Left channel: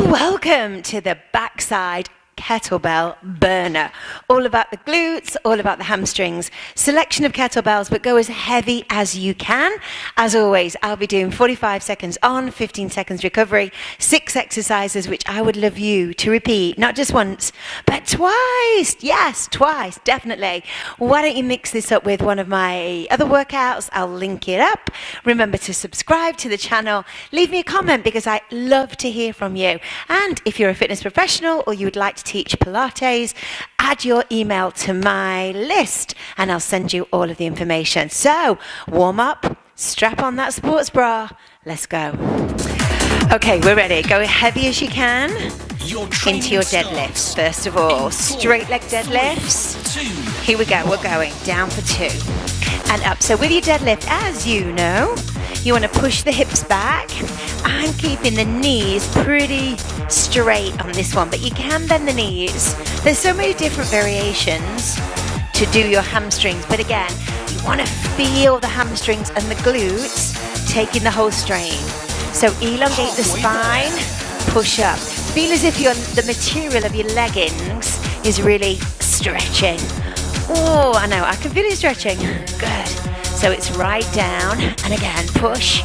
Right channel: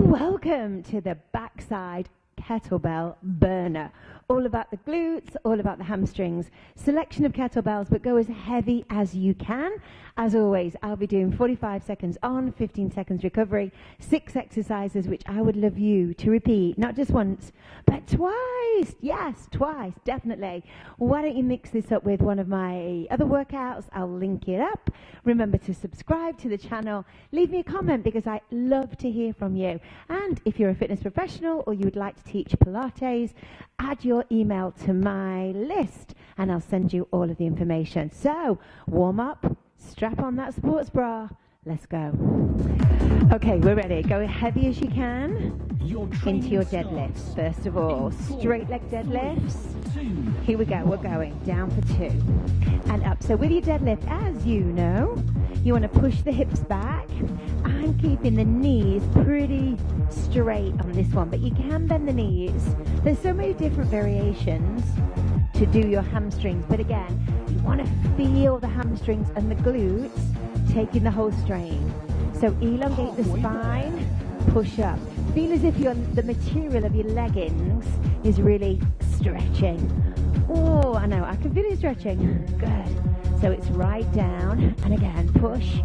Well, welcome to the backside kettlebell burner. All about the glutes, all about the hamstrings. Selection of kettlebells, but go as heavy as you can. As always, I'll be doing 45 seconds on, 15 seconds recovery, 6 exercises, which I would love you to repeat, not just once, but twice. Yes, twice, definitely. Why don't you mix this up with one of my other workouts? I'll link it up. Remember to subscribe to the channel. Leave me a comment because I love to hear from you. And if you're a fitness professional or you would like to teach Pilates, add your email to my list and I'll send you all of the information. So warm up, strap on that sports bra, let's go. Okay, we're ready. Go heavy as you can into your deadlifts. First of all, straight leg deadlifts. Here we go, we're going down for 2 and up. So with your deadlift, as you know, you want to push the hips back. I'm keeping the knees pretty straight on this one, but you can bend the knees. There's so many different variations to do your hamstrings, but again, you want to feel the hamstrings and the glutes taking the whole strain. So elongate the spine, push up. Feel as if the material of your leggings is really stretching. Oh, I know, I can feel it stretching. Good. So it's right down, and again, push.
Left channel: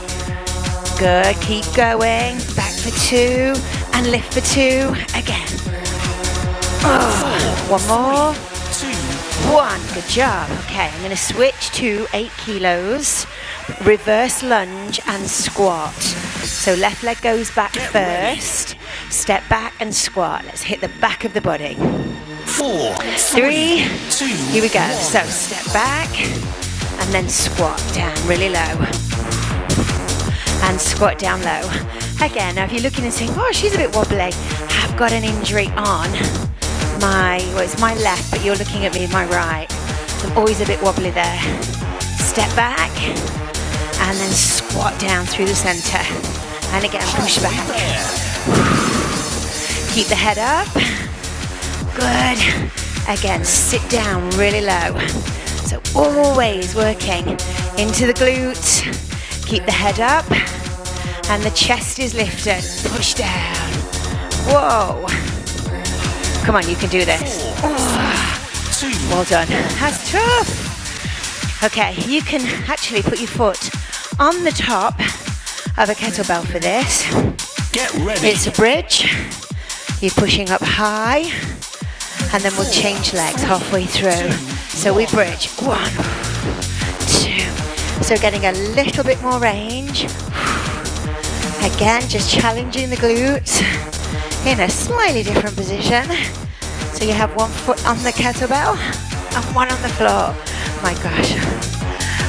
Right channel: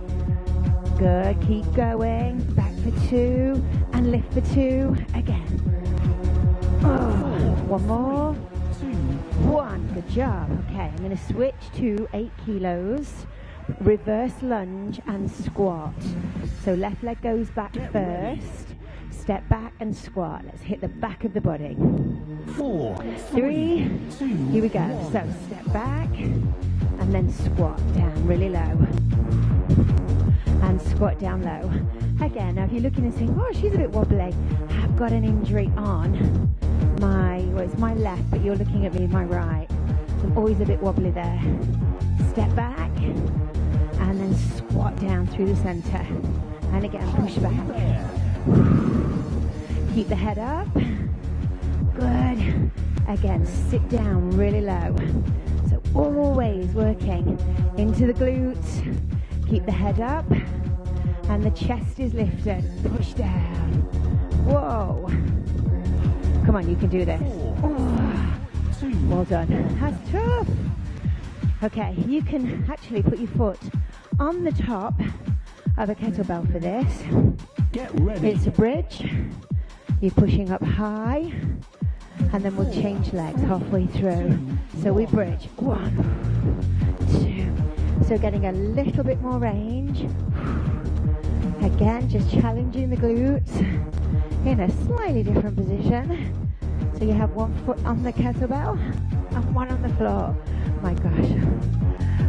Good, keep going. Back for 2, and lift for 2. Again. Oh, one more. 1, good job. Okay, I'm gonna switch to 8 kilos. Reverse lunge and squat. So left leg goes back first. Step back and squat. Let's hit the back of the body. 4, 3, 2, here we go. So step back and then squat down really low. And squat down low. Again, now if you're looking and saying, oh, she's a bit wobbly, I've got an injury on it's my left, but you're looking at me, my right. So I'm always a bit wobbly there. Step back and then squat down through the center. And again, push back. Keep the head up. Good. Again, sit down really low. So always working into the glutes. Keep the head up. And the chest is lifted. Push down. Whoa. Come on, you can do this. Oh. Well done. That's tough. Okay, you can actually put your foot on the top of a kettlebell for this. Get ready. It's a bridge. You're pushing up high, and then we'll change legs halfway through. So we bridge. 1, 2. So getting a little bit more range. Again, just challenging the glutes in a slightly different position. So you have 1 foot on the kettlebell and 1 on the floor. My gosh.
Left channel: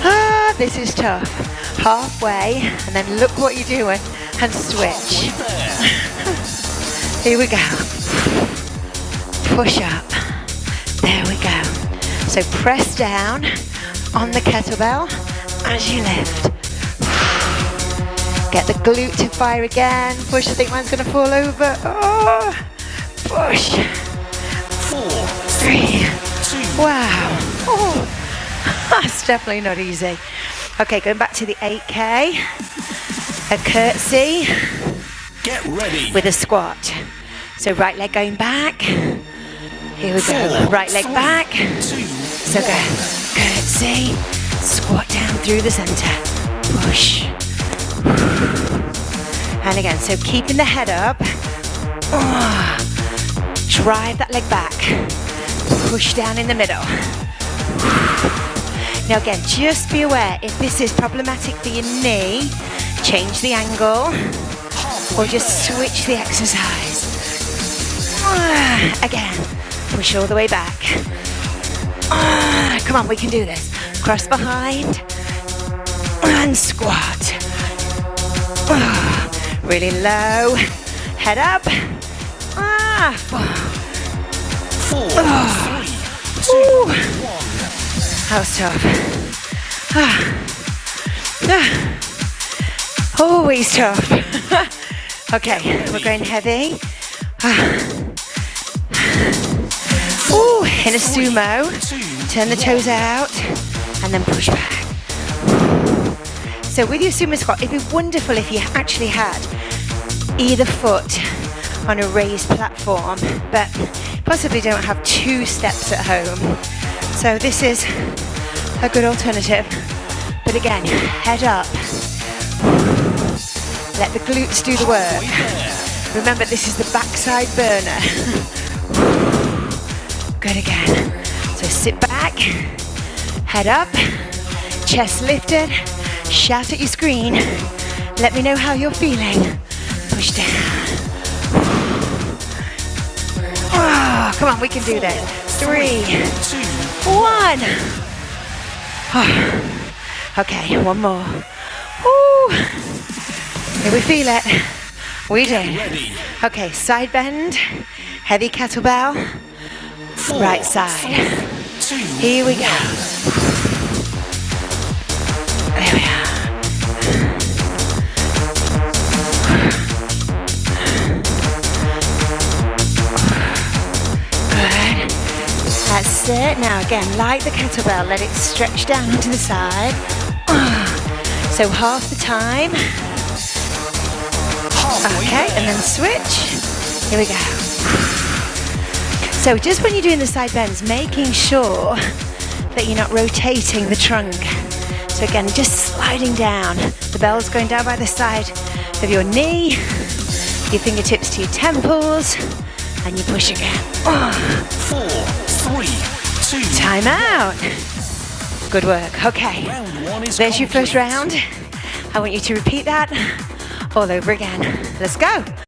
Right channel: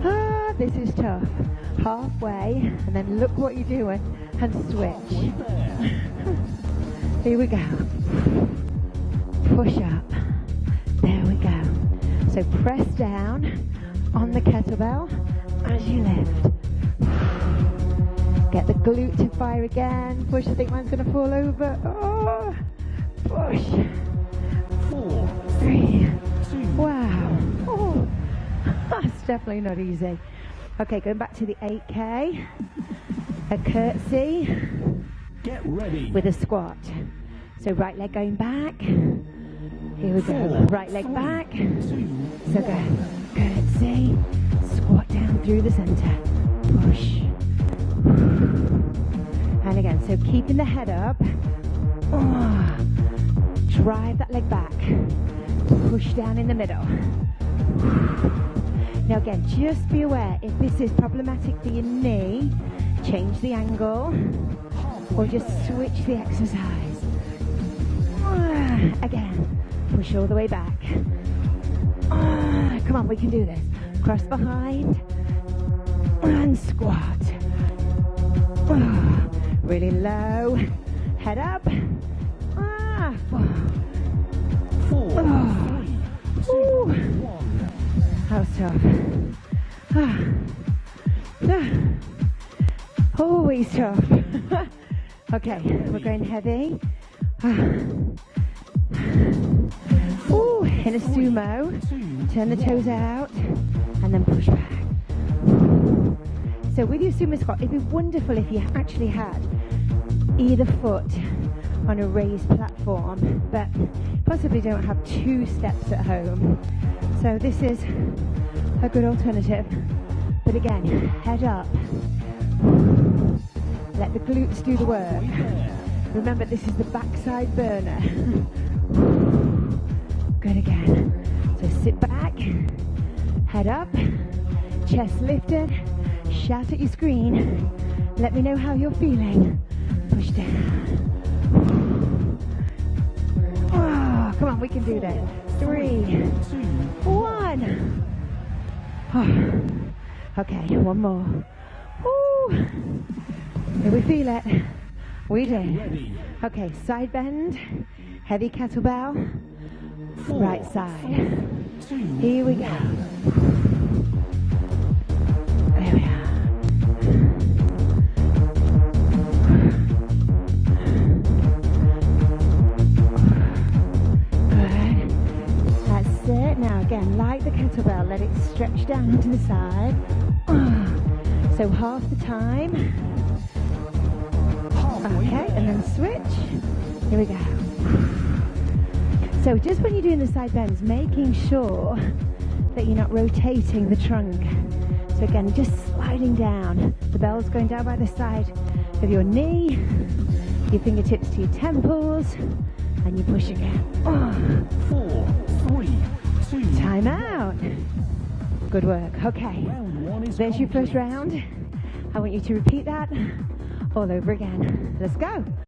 Ah, this is tough. Halfway, and then look what you're doing, and switch. Here we go. Push up. There we go. So press down on the kettlebell as you lift. Get the glute to fire again. Push, I think mine's gonna fall over. Oh, push. 4, 3, 2. Wow. Oh, that's definitely not easy. Okay, going back to the 8K. A curtsy. Get ready. With a squat. So right leg going back. Here we go. 4, Right leg 3, back. 2, So go. Curtsy. Squat down through the center. Push. And again, so keeping the head up. Oh, drive that leg back. Push down in the middle. Now again, just be aware, if this is problematic for your knee, change the angle or just switch the exercise. Again, push all the way back. Come on, we can do this. Cross behind and squat. Really low. Head up. 4, 3, 2, 1. That was tough. Always tough. Okay, we're going heavy. Ooh, in a sumo. Turn the toes out and then push back. So with your sumo squat, it'd be wonderful if you actually had either foot on a raised platform, but possibly don't have 2 steps at home. So this is a good alternative. But again, head up. Let the glutes do the work. Remember, this is the backside burner. Good again. So sit back, head up, chest lifted, shout at your screen. Let me know how you're feeling. Push down. Oh, come on, we can do this. 3, 1. Oh. Okay, one more. Woo. Here we feel it. We do. Okay, side bend, heavy kettlebell, 4, right side. 2, Here we go. There we are. Good. That's it. Now again, like the kettlebell, let it stretch down to the side. So half the time. Okay, and then switch. Here we go. So just when you're doing the side bends, making sure that you're not rotating the trunk. So again, just sliding down. The bell's going down by the side of your knee, your fingertips to your temples, and you push again. 4, 3, 2. Time out. Good work. Okay. Round 1 is There's your first complete. round. I want you to repeat that all over again. Let's go.